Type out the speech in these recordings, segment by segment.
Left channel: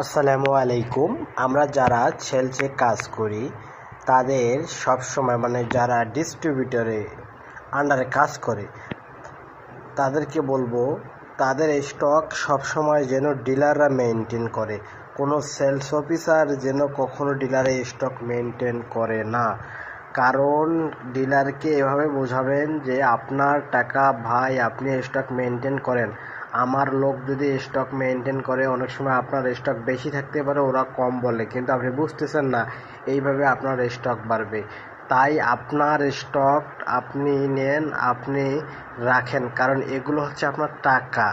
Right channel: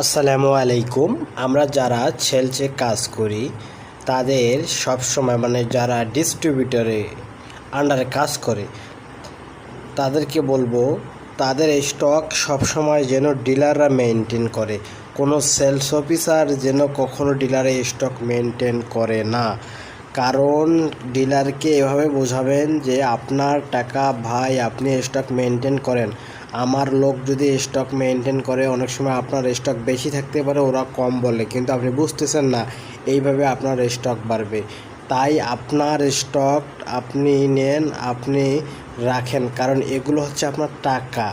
আসসালামু আলাইকুম। আমরা যারা সেলসে কাজ করি তাদের সবসময় যারা ডিস্ট্রিবিউটরে আন্ডারে কাজ করে তাদেরকে বলবো তাদের স্টক সবসময় যেন ডিলাররা মেনটেন করে। কোনো সেলস অফিসার যেন কখনো ডিলারে স্টক মেনটেন করে না। কারণ ডিলারকে এভাবে বোঝাবেন যে আপনার টাকা ভাই, আপনি স্টক মেনটেন করেন। আমার লোক যদি স্টক মেনটেন করে, অনেক সময় আপনার স্টক বেশি থাকতে পারে, ওরা কম বলে, কিন্তু আপনি বুঝতেছেন না। এইভাবে আপনার স্টক বাড়বে। তাই আপনার স্টক আপনি নেন, আপনি রাখেন, কারণ এগুলো হচ্ছে আপনার টাকা।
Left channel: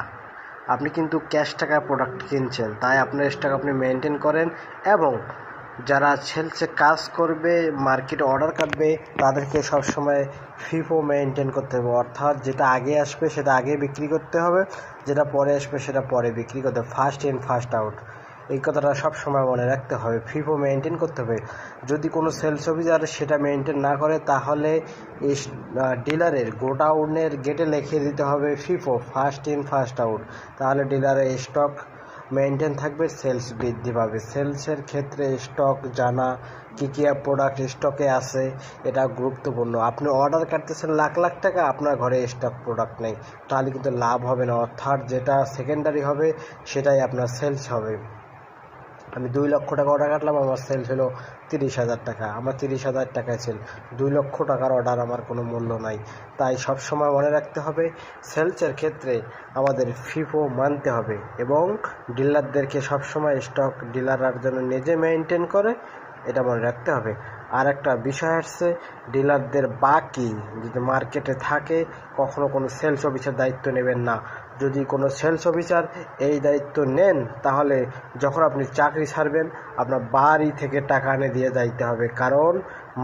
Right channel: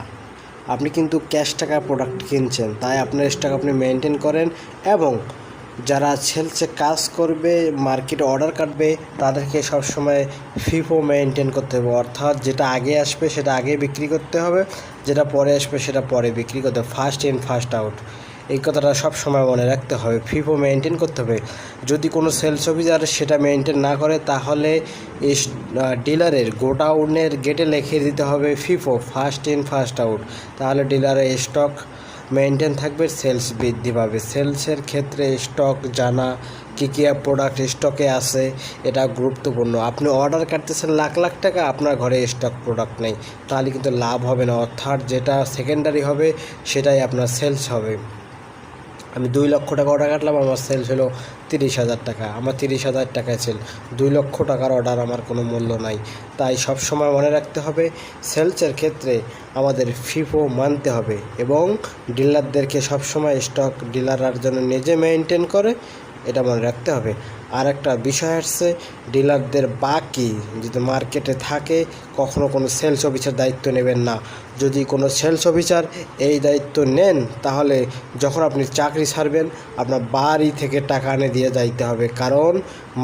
আপনি কিন্তু ক্যাশ টাকা প্রোডাক্ট কিনছেন, তাই আপনার স্টক আপনি মেনটেন করেন। এবং যারা সেলসে কাজ করবে, মার্কেটে অর্ডার কাটবে, তাদেরকে সবসময় ফিফো মেনটেন করতে হবে। অর্থাৎ যেটা আগে আসবে সেটা আগে বিক্রি করতে হবে, যেটা পরে আসবে সেটা পরে বিক্রি করতে হবে। ফার্স্ট ইন ফার্স্ট আউট, এই কথাটা সবসময় মনে রাখতে হবে। ফিফো মেনটেন করতে হবে। যদি কোনো সেলস অফিসার সেটা মেনটেন না করে, তাহলে ডিলারের গোডাউনের গেটে লিখে দিতে হবে FIFO, first in first out. তাহলে ডিলারের স্টক মেনটেন থাকবে, সেলস বৃদ্ধি পাবে। সেলসের ক্ষেত্রে স্টক জানা, কী কী প্রোডাক্ট স্টকে আছে, এটা গুরুত্বপূর্ণ। আপনি অর্ডার কাটতেছেন লাখ লাখ টাকা, আপনার ঘরে স্টক প্রোডাক্ট নেই, তাহলে কিন্তু লাভ হবে না। অর্থাৎ যেটা সেকেন্ডারি হবে সেটাই আপনার সেলস হবে। আমি 2 লক্ষ টাকা অর্ডার কাটলাম, আমার সেলস হলো 30,000 টাকা। আমার 30,000 টাকায় সেল। 2 লক্ষ টাকার অর্ডার আমার কোনো মূল্য নাই। তাই সব সময় মনে রাখতে হবে, সেলসের ক্ষেত্রে আমাদের ফিফো মানতে হবে। এবং ডিলারদেরকে সবসময় স্টক ডিলাররা যেন নিজে মেনটেন করে, এটা মনে রাখতে হবে। আর একটা বিষয় আসছে, ডিলারদের বাকি যদি মার্কেটে থাকে, কখনো কোনো সেলস অফিসার দায়িত্ব নেবেন না। যদি কোনো সেলস অফিসার এই দায়িত্ব নেন, তাহলে যখন আপনি চাকরি ছাড়বেন, আপনার বাড়ি থেকে টাকা এনে দিয়ে যাইতে হবে। কারণ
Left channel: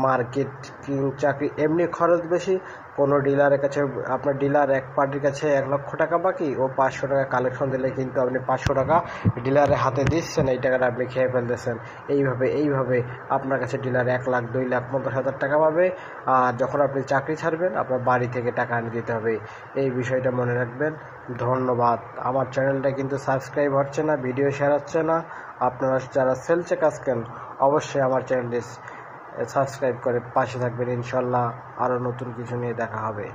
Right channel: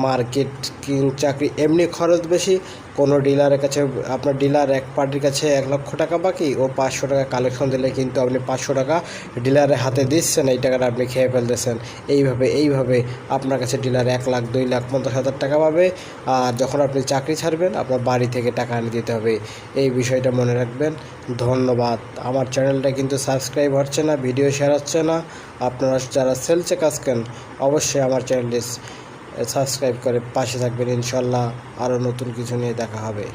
মার্কেটিং চাকরি এমনি খরচ বেশি। কোনো ডিলারের কাছে, আপনার ডিলার এক পার্টির কাছে 1 লক্ষ টাকা বাকি, ও 500 টাকা কালেকশন দিলে কিন্তু আপনি 500 টাকা ডিলারের হাতে দিচ্ছেন, এই টাকাটা আপনি খেয়ে ফেলতেছেন। এইভাবে আপনার কাছে ডিলার 1 লাখ 2 লাখ 50,000 টাকা পাবে। আর যখন আপনি চাকরি ছাড়বেন, আপনার বাড়ি থেকে টাকা এনে দিতে হবে। এই বিষয়টা মনে রাখবেন। ধন্যবাদ। আমার চ্যানেলটা কিন্তু সাবস্ক্রাইব হচ্ছে না, ভিডিও শেয়ার হচ্ছে না। আপনারা যারা সেলসে কাজ করেন, অবশ্যই আমার চ্যানেলটি সাবস্ক্রাইব করে পাশে থাকবেন। ইনশাল্লাহ আরও নতুন কিছু নিয়ে দেখা হবে।